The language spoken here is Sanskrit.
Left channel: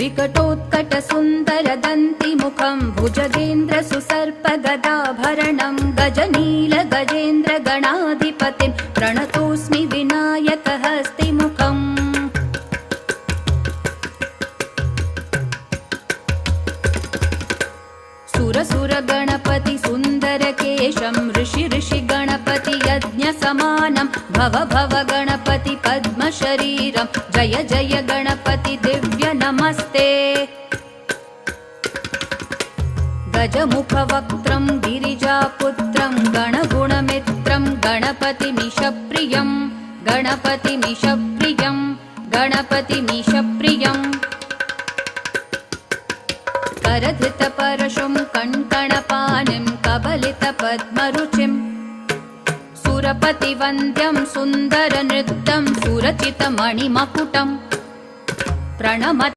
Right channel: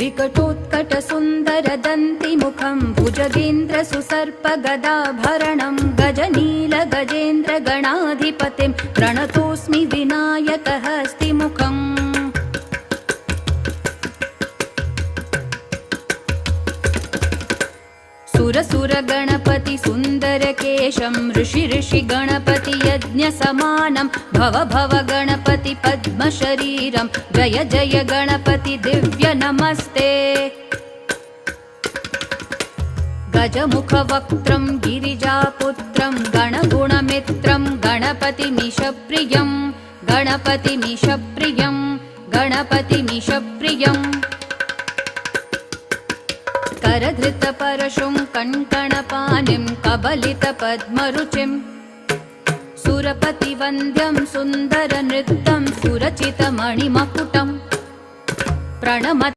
विकटोत्कटसुन्दरदन्तिमुखं भुजगेन्द्रसुसर्पगदाभरणं गजनीलगजेन्द्रगणाधिपतिं प्रणतोऽस्मि विनायकहस्तिमुखम् सुरसुरगणपति सुन्दरकेशं ऋषि गणपति यज्ञसमानं भव भव गणपति पद्मशरीरं जय जय गणपति दिव्य नमस्ते गजमुखवक्त्रं गिरिजापुत्रं गणगुणमित्रं गणपतिमीशप्रियं गणपतिमीशप्रियं गणपतिमीशप्रियं करधृतपरशुं कङ्कणपाणिं कबलितपद्मरुचिं सुरपतिवन्द्यं सुन्दरनृत्यं सुरचितमणिमकुटं प्रणमत